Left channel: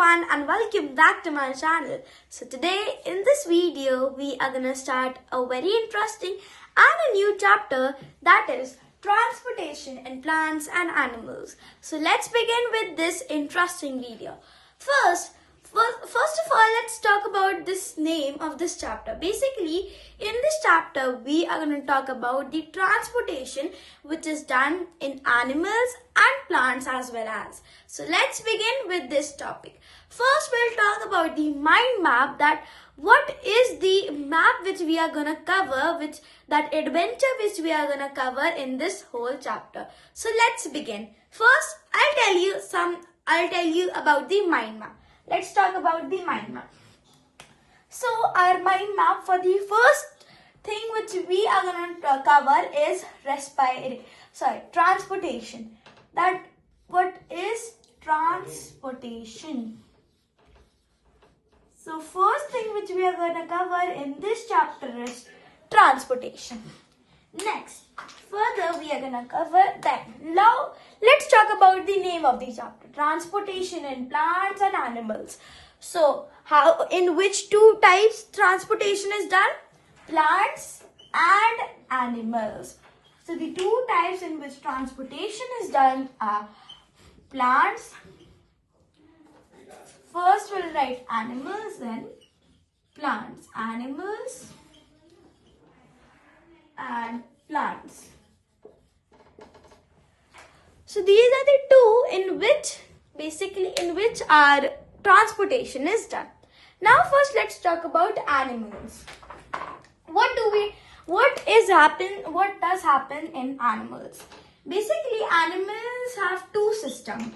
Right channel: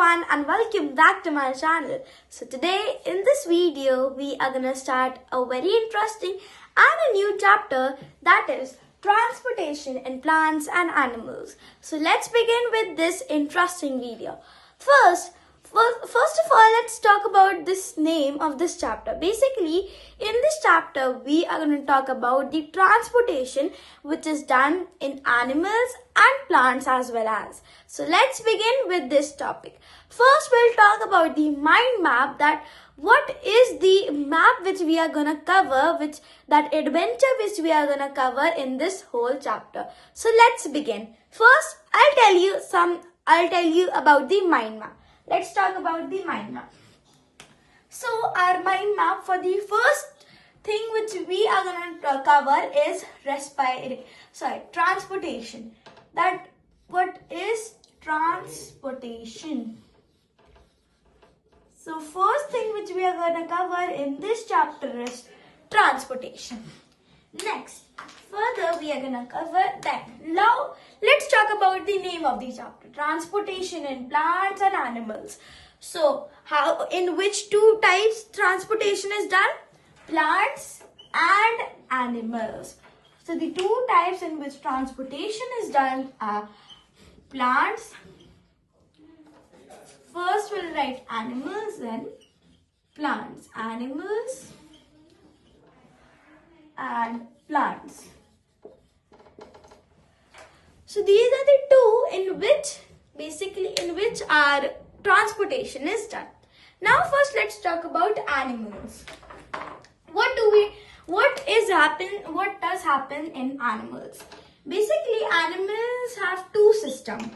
everyone and welcome back to my channel. So today in this video we are gonna start a very interesting and a new chapter, that is transportation in plants and animals. So let's begin with this interesting video. First of all, let's talk about this name of this chapter. Basically, in this chapter, we are going to talk about the transportation which is done in animals and plants as well as. So let's begin with this topic. First, we'll talk about the mind map, that what is the map which we are going to cover, that adventure which we are going to cover in this whole chapter. So let's begin. First, I'll tell you about the mind map. Let's talk about the mind map. So our mind map, for the first thing which we are going to cover is transportation. That what is transportation? So first thing which we are going to cover in this chapter is transportation. Next, further we are going to cover that. Now let's talk about the name of the chapter, transportation in plants and animals. So in which two types transportation is done? Plants and animals. So the two types in which transportation is done are plants. First we'll write animals, then plants. Animals and plants. So these are the two in which our transportation is done. Now first let's talk about animals. What does happen in animals? Basically, animals have two systems.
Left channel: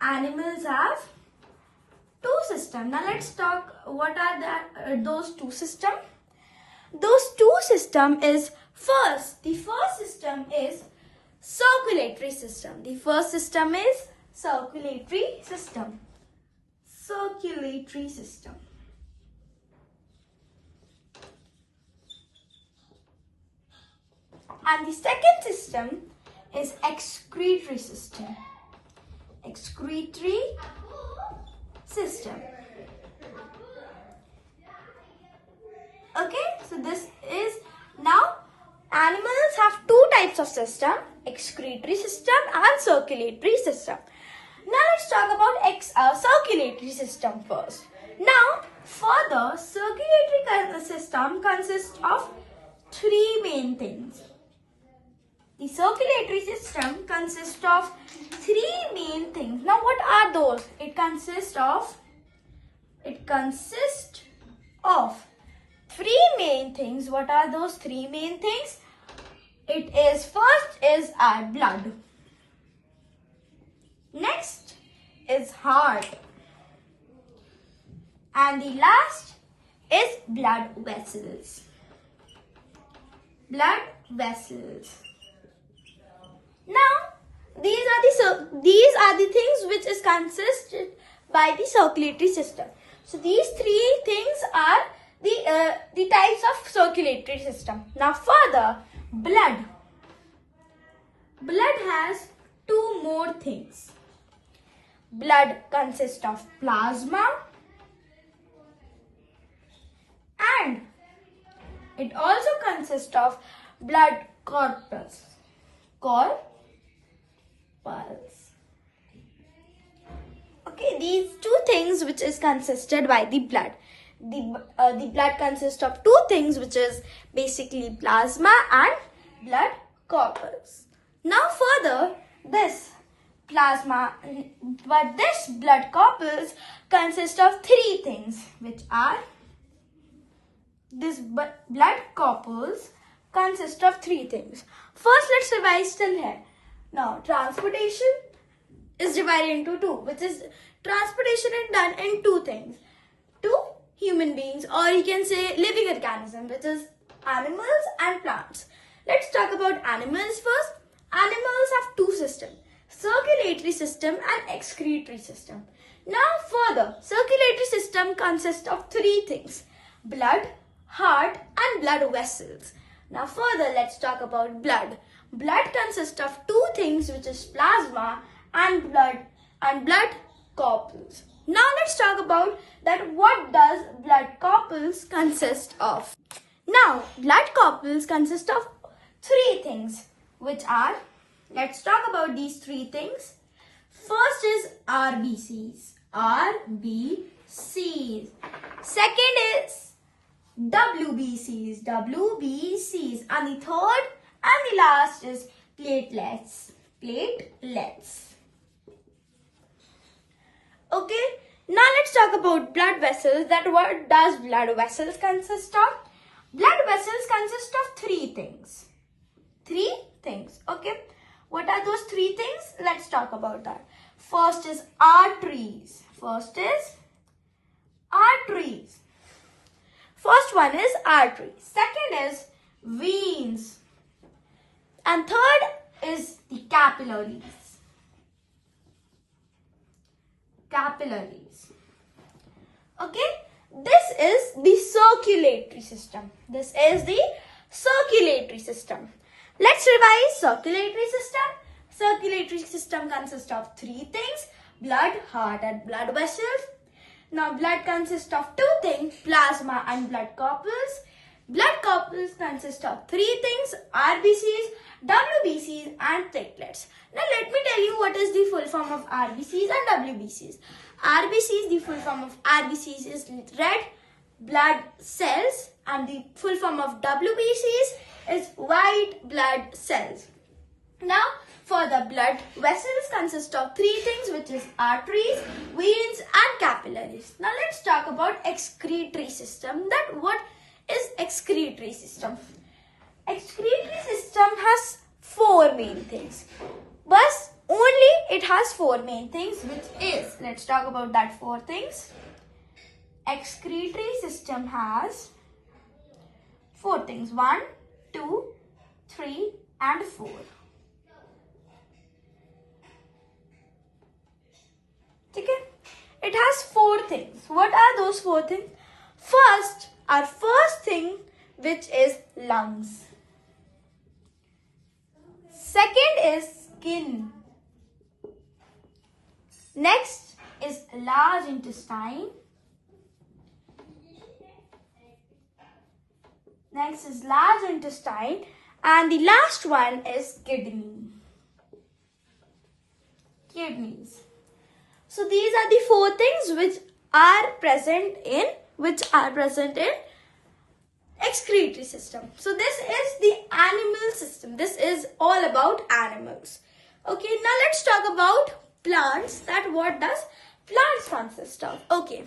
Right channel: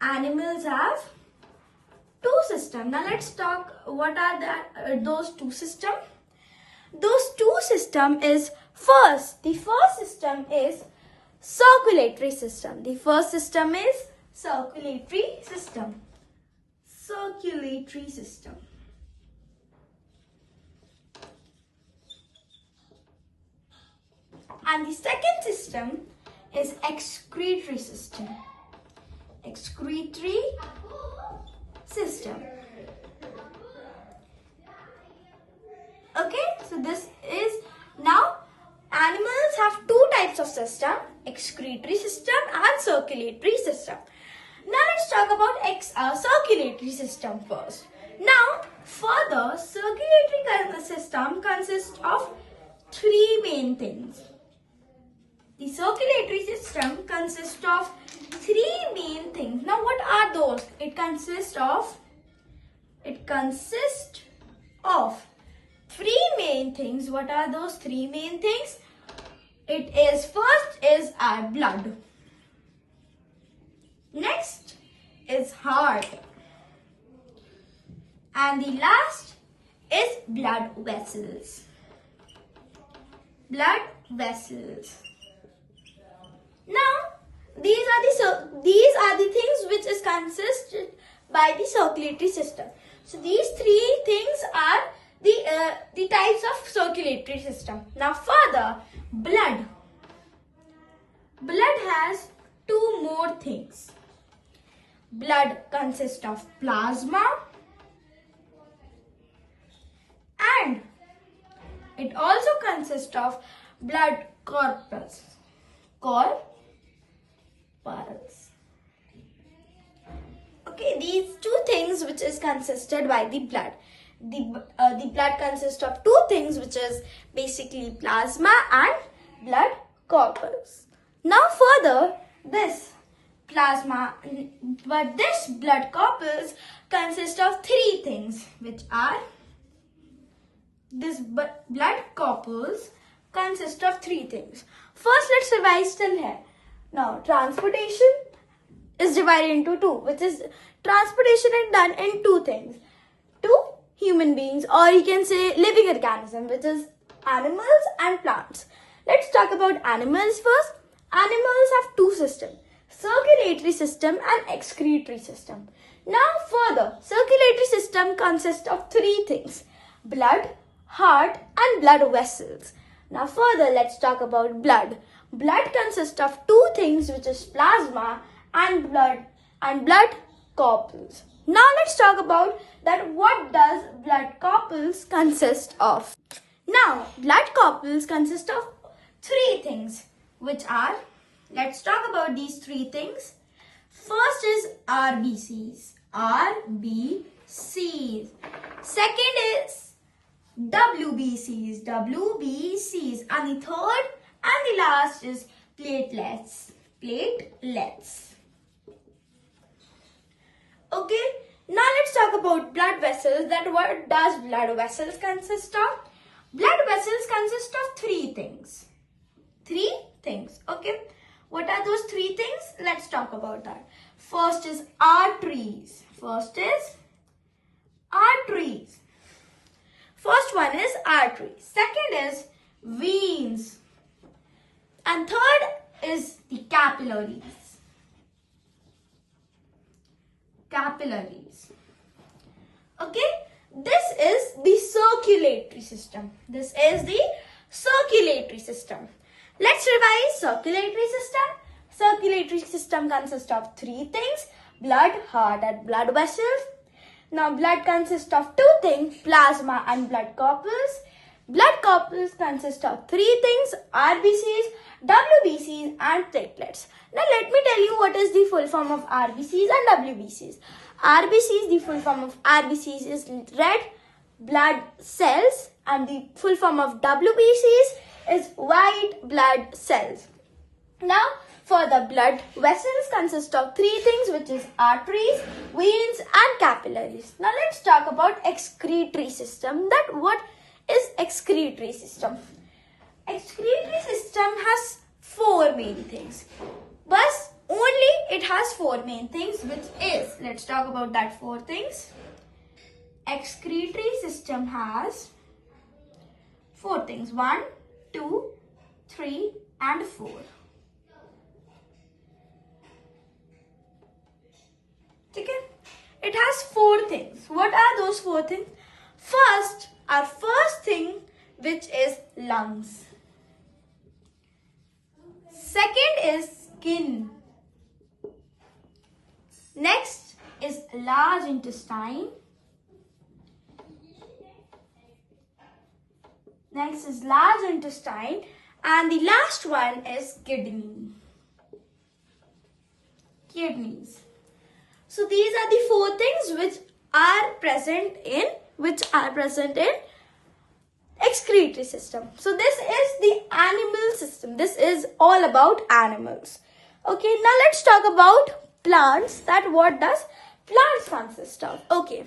Now let's talk what are those two systems. Those two systems is the first system is circulatory system. The first system is circulatory system. And the second system is excretory system. Okay, so this is now animals have two types of system, excretory system and circulatory system. Now let's talk about circulatory system first. Now further, circulatory system consists of three main things. The circulatory system consists of three main things. Now what are those? It consists of three main things. What are those three main things? First is our blood. Next is heart. And the last is blood vessels. Now, these are the things which is consisted by the circulatory system. So these three things are the types of circulatory system. Now further, blood has two more things. Blood consists of plasma and it also consists of blood corpuscles. Okay, these two things which is consisted by the blood. The blood consists of two things, which is basically plasma and blood corpuscles. Now further, this blood corpuscles consists of three things, which are blood corpuscles consist of three things. First, let's revise till here. Now, transportation is divided into two, which is transportation is done in two things. Two human beings, or you can say living organisms, which is animals and plants. Let's talk about animals first. Animals have two systems, circulatory system and excretory system. Now further, circulatory system consists of three things: blood, heart and blood vessels. Now further, let's talk about blood. Blood consists of two things, which is plasma and blood corpuscles. Now let's talk about that what does blood corpuscles consist of. Now, blood corpuscles consist of three things, which are, let's talk about these three things. First is RBCs. RBCs. Second is WBCs. WBCs. And the third and the last is platelets. Platelets. Okay. Now let's talk about blood vessels. That what does blood vessels consist of? Blood vessels consist of three things. Three things. Okay. What are those three things? Let's talk about that. First is arteries. First one is arteries. Second is veins. And third is the capillaries. Okay. This is the circulatory system. Let's revise circulatory system. Circulatory system consists of three things: blood, heart, and blood vessels. Now, blood consists of two things: plasma and blood corpuscles. Blood corpuscles consist of three things: RBCs, WBCs, and platelets. Now, let me tell you what is the full form of RBCs and WBCs. RBCs, the full form of RBCs is red blood cells, and the full form of WBCs is white blood cells. Now, for the blood vessels consist of three things, which is arteries, veins, and capillaries. Now, let's talk about excretory system. That what is excretory system? Excretory system has four main things, but only it has four main things, which is, let's talk about that four things. Excretory system has four things: 1, 2, 3, and 4. Okay? It has four things. What are those four things? Our first thing, which is lungs. Second is skin. Next is large intestine. And the last one is kidneys. So these are the four things which are present in excretory system. So this is the animal system. This is all about animals. Okay, now let's talk about plants. That what does plants consist of? Okay,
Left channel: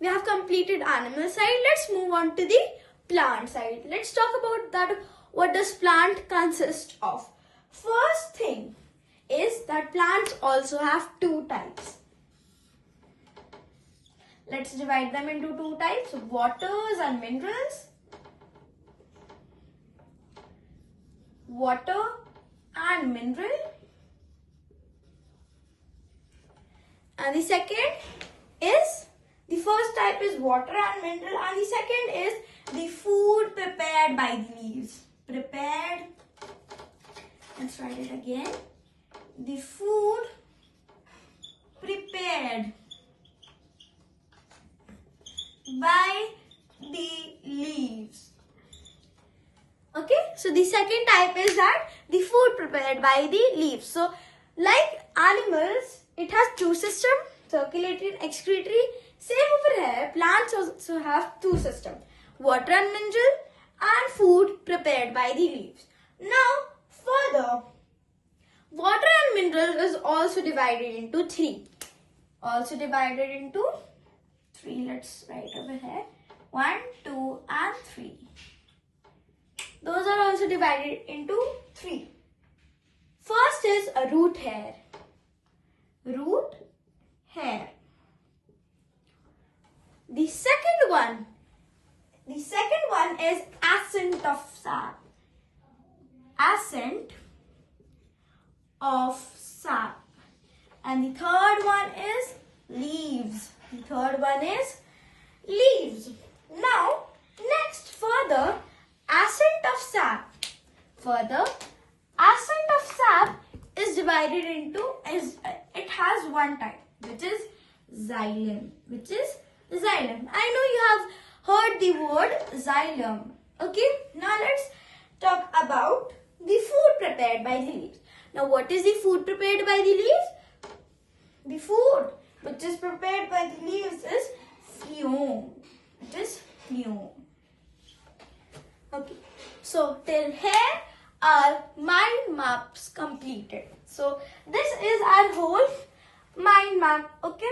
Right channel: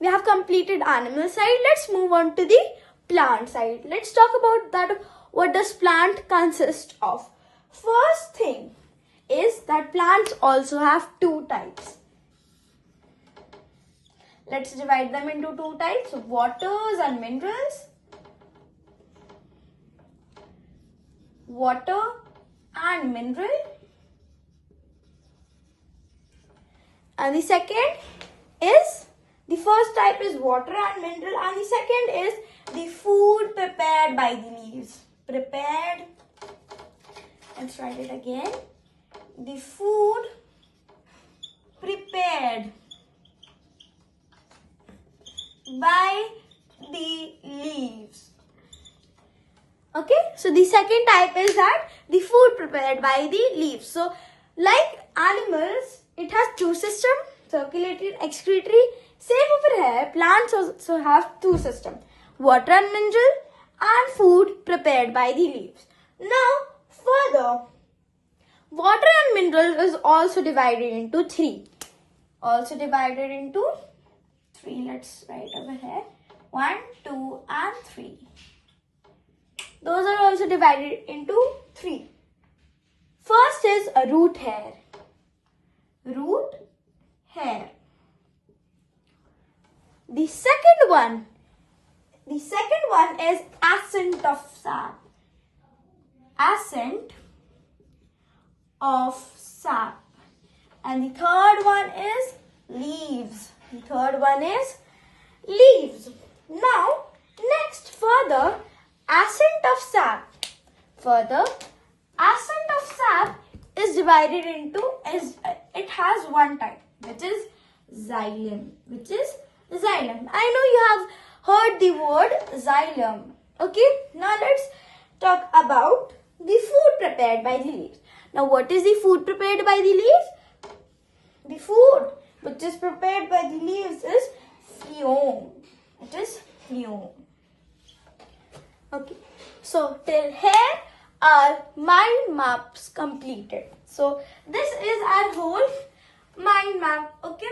we have completed animal side. Let's move on to the plant side. Let's talk about that. What does plant consist of? First thing is that plants also have two types. Let's divide them into two types: waters and minerals. Water and mineral. And the second is, the first type is water and mineral, and the second is the food prepared by the leaves. Let's write it again. The food prepared by the leaves. Okay, so the second type is that the food prepared by the leaves. So, like animals, it has two systems: circulatory and excretory. Same over here, plants also have two systems: water and mineral, and food prepared by the leaves. Now, further, water and mineral is also divided into three. Let's write over here: 1, 2, and 3. Those are also divided into three. First is a root hair. The second one is ascent of sap. And the third one is leaves. Now, next, ascent of sap is divided into, it has one type, which is xylem. I know you have heard the word xylem. Okay, now let's talk about the food prepared by the leaves. Now, what is the food prepared by the leaves? The food which is prepared by the leaves is phloem. It is phloem. Okay, so till here our mind maps completed. So this is our whole mind map. Okay.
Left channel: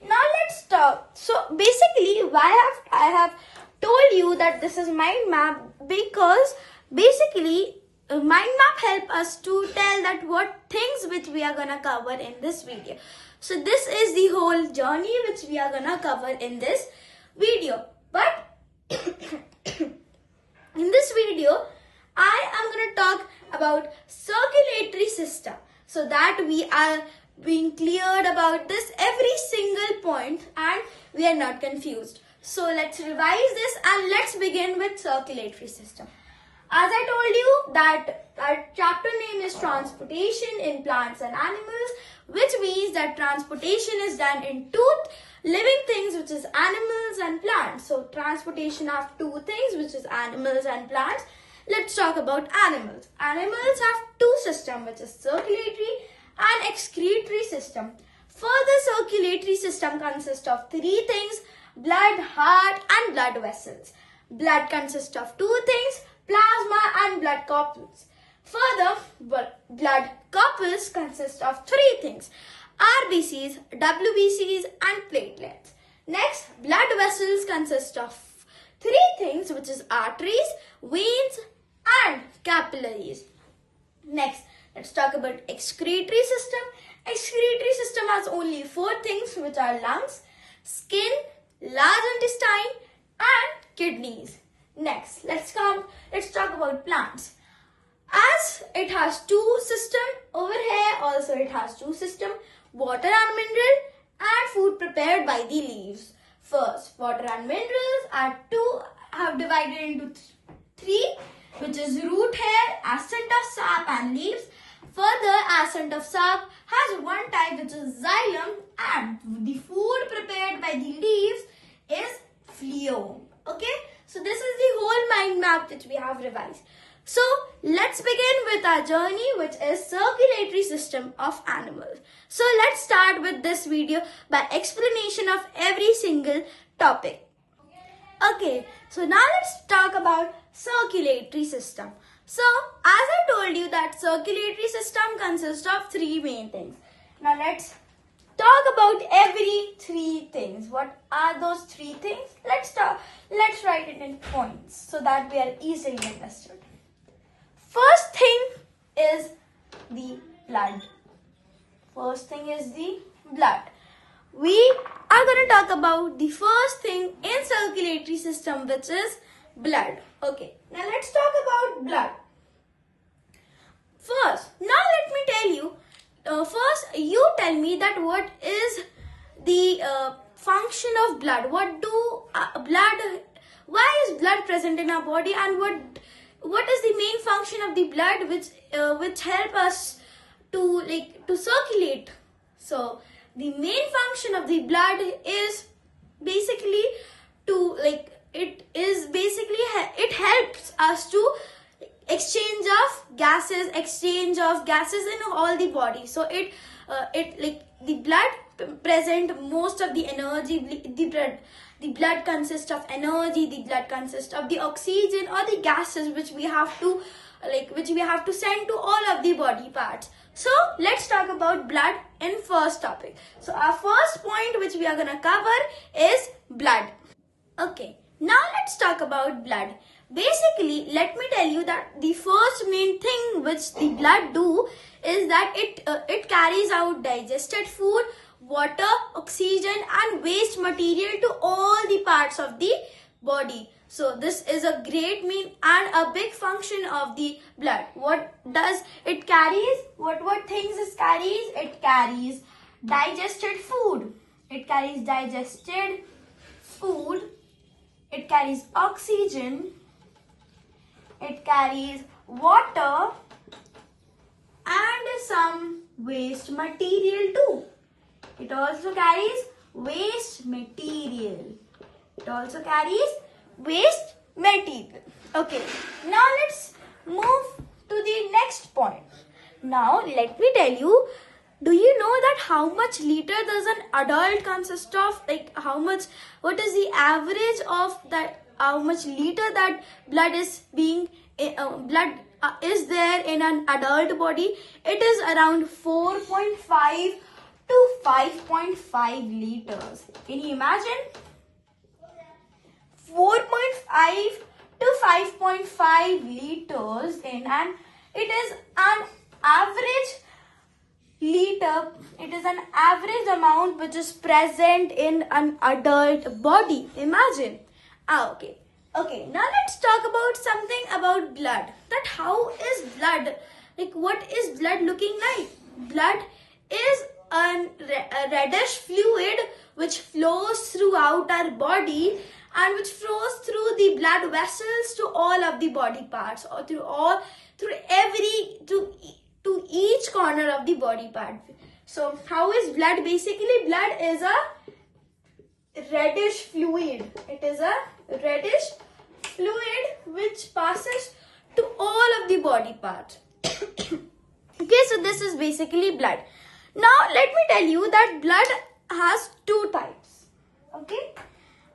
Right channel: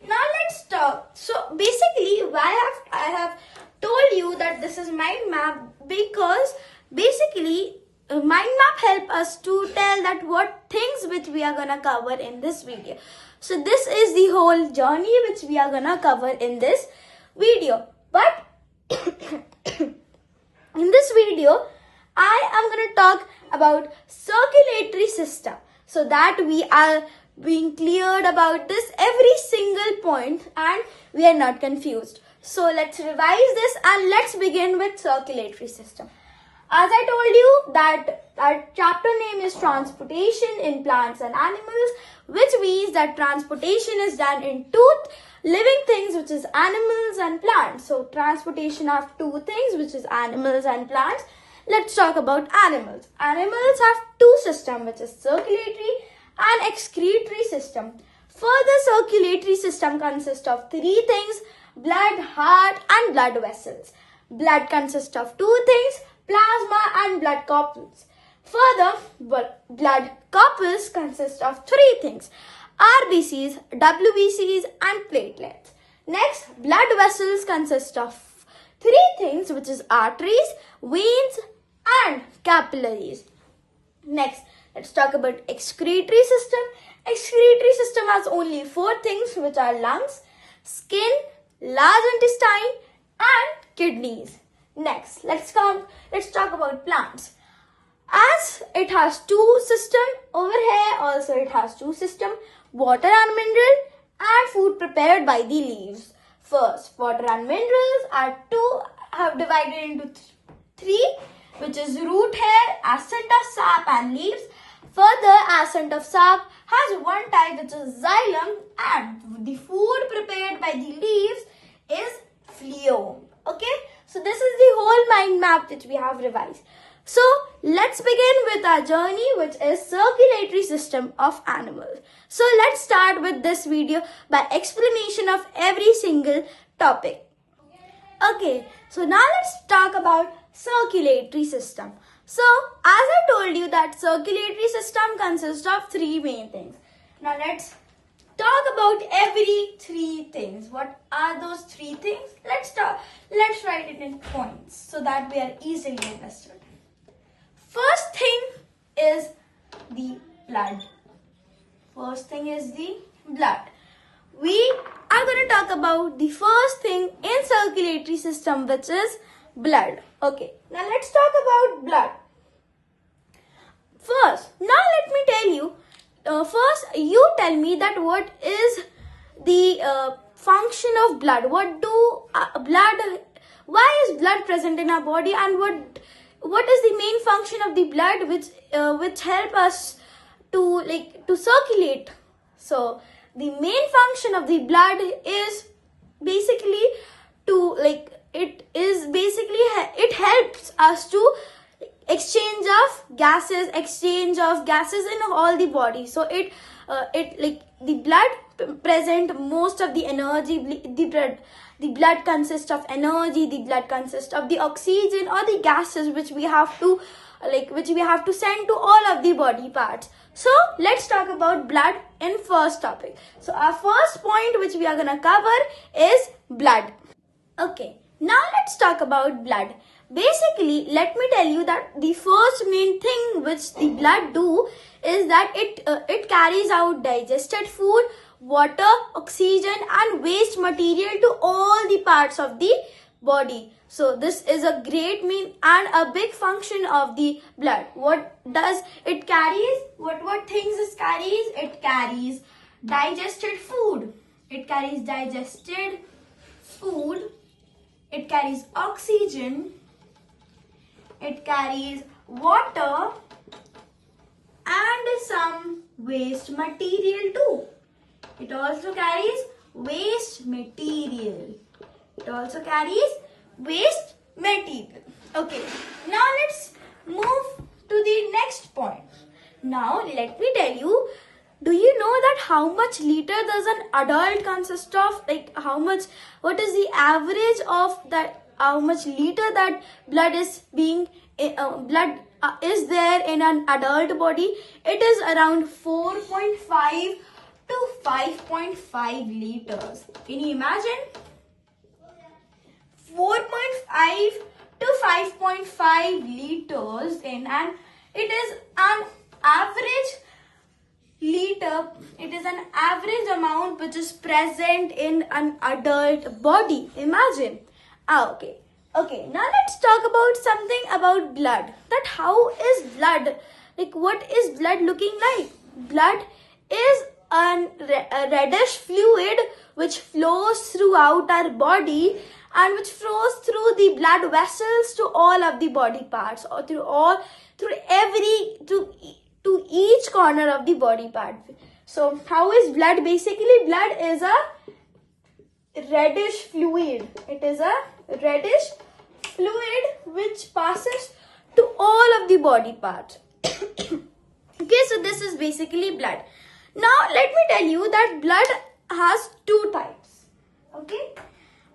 Now let's talk. So basically, why I have told you that this is mind map, because basically mind map help us to tell that what things which we are gonna cover in this video. So this is the whole journey which we are gonna cover in this video. But in this video, I am gonna talk about circulatory system, so that we are being cleared about this every single point and we are not confused. So let's revise this and let's begin with circulatory system. As I told you that our chapter name is transportation in plants and animals, which means that transportation is done in two living things, which is animals and plants. So transportation of two things, which is animals and plants. Let's talk about animals. Animals have two systems, which is circulatory and excretory system. Further, circulatory system consists of three things: blood, heart and blood vessels. Blood consists of two things: plasma and blood corpuscles. Further, blood corpuscles consist of three things: RBCs, WBCs and platelets. Next, blood vessels consist of three things, which is arteries, veins and capillaries. Next, let's talk about excretory system. Excretory system has only four things, which are lungs, skin, large intestine and kidneys. Next, let's talk about plants. As it has two systems, over here also it has two systems: water and mineral and food prepared by the leaves. First, water and minerals are divided into three, which is root hair, ascent of sap and leaves. Further, ascent of sap has one type, which is xylem, and the food prepared by the leaves is phloem. Okay, so this is the whole mind map that we have revised. So let's begin with our journey, which is circulatory system of animals. So let's start with this video by explanation of every single topic. Okay, so now let's talk about circulatory system. So as I told you that circulatory system consists of three main things. Now let's talk about every three things. What are those three things? Let's write it in points so that we are easily understood. First thing is the blood. First thing is the blood. We are going to talk about the first thing in circulatory system, which is blood. Okay, now let's talk about blood. First, now let me tell you, first you tell me that what is the function of blood. Why is blood present in our body, and what is the main function of the blood which help us to circulate? So the main function of the blood is basically it helps us to exchange of gases in all the body. So the blood present most of the energy. The blood consists of energy. The blood consists of the oxygen or the gases which we have to send to all of the body parts. So let's talk about blood in first topic. So our first point which we are gonna cover is blood. Okay, now let's talk about blood. Basically, let me tell you that the first main thing which the blood do is that it carries out digested food, water, oxygen and waste material to all the parts of the body. So this is a great mean and a big function of the blood. What does it carries? What things it carries? It carries digested food. It carries digested food. It carries oxygen. it carries water and some waste material too. It also carries waste material. It also carries waste material. Okay, now let's move to the next point. Now let me tell you, do you know that how much liter does an adult consist of? Like what is the average of that, how much liter that blood is is there in an adult body? It is around 4.5 to 5.5 liters. Can you imagine? 4.5 to 5.5 liters and it is an average liter. It is an average amount which is present in an adult body. Imagine. Okay, now let's talk about something about blood. That how is blood? Like what is blood looking like? Blood is a reddish fluid which flows throughout our body and which flows through the blood vessels to all of the body parts, or to each corner of the body part. So how is blood? Basically, blood is a reddish fluid. It is a reddish fluid which passes to all of the body parts. Okay, so this is basically blood. Now let me tell you that blood has two types. Okay,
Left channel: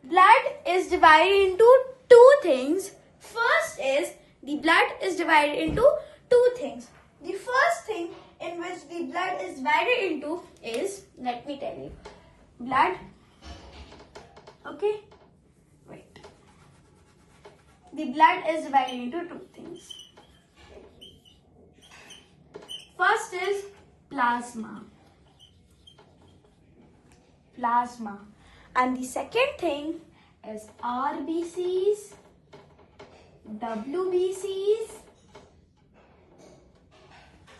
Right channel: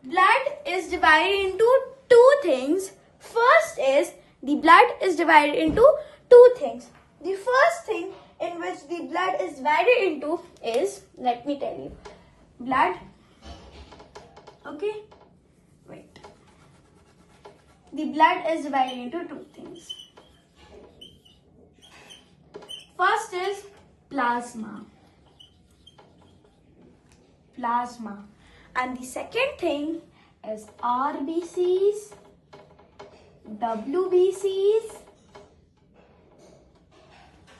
blood is divided into two things. First is the blood is divided into two things. The first thing in which the blood is divided into is, let me tell you, blood. Okay, wait. The blood is divided into two things. First is plasma. And the second thing is RBCs, WBCs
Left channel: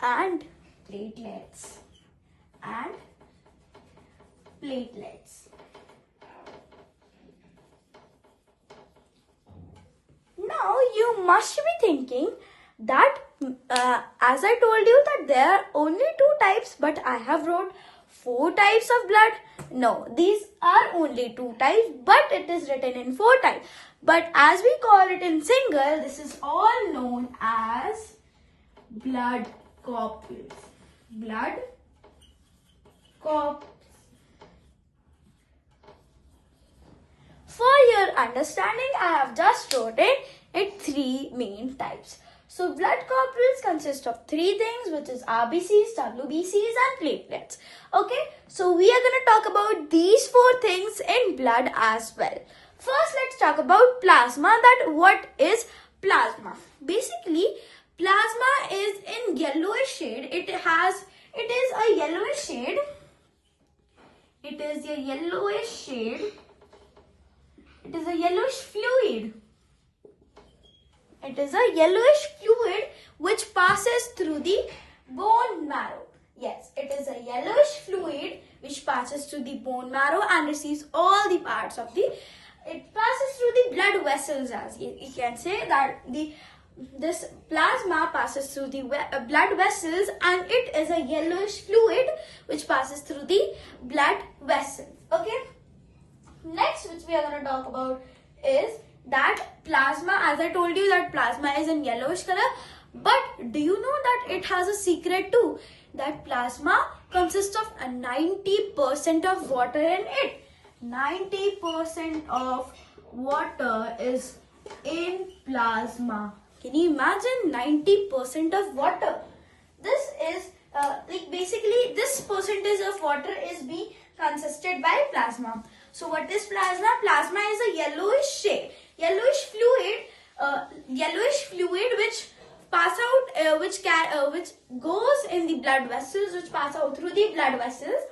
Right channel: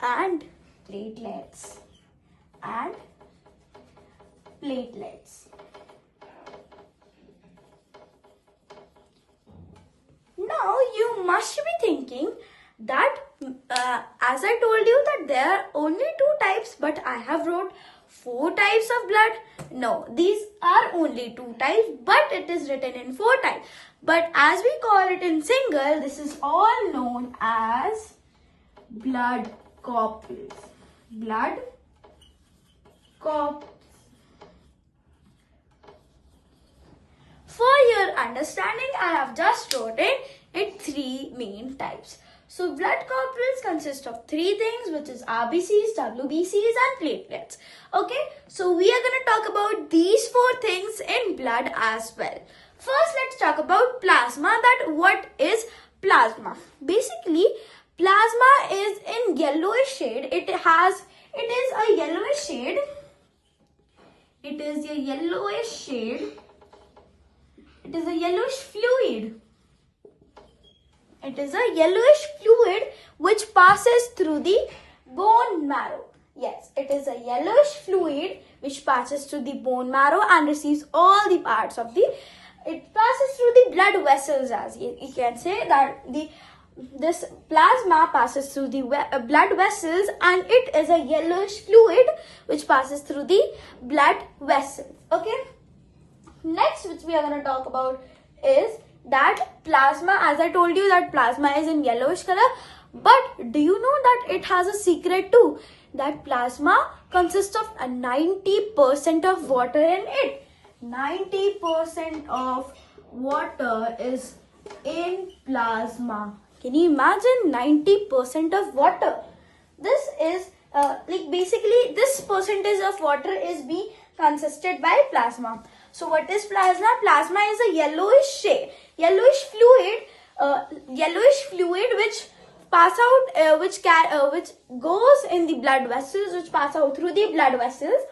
and platelets. Now you must be thinking that as I told you that there are only two types, but I have wrote 4 types of blood. No, these are only 2 types, but it is written in 4 types. But as we call it in single, this is all known as blood corpuscles. Blood corpuscles. For your understanding, I have just wrote it in 3 main types. So blood corpuscles consist of 3 things, which is RBCs, WBCs and platelets. Okay, so we are going to talk about these 4 things in blood as well. First, let's talk about plasma. That what is plasma? Basically, plasma is in yellowish shade. It is a yellowish shade. It is a yellowish shade. It is a yellowish fluid. It is a yellowish fluid which passes through the bone marrow. Yes, it is a yellowish fluid which passes through the bone marrow and receives all the parts of the. It passes through the blood vessels, as you can say that this plasma passes through the blood vessels, and it is a yellowish fluid which passes through the blood vessels. Okay. Next, which we are going to talk about is that plasma. As I told you that plasma is in yellowish color, but do you know that it has a secret too? That plasma consists of 90% of water in it. 90% of water is in plasma. Can you imagine 90% of water? This is basically this percentage of water is being consisted by plasma. So what is plasma? Plasma is a yellowish shade, yellowish fluid which pass out, which goes in the blood vessels, which pass out through the blood vessels,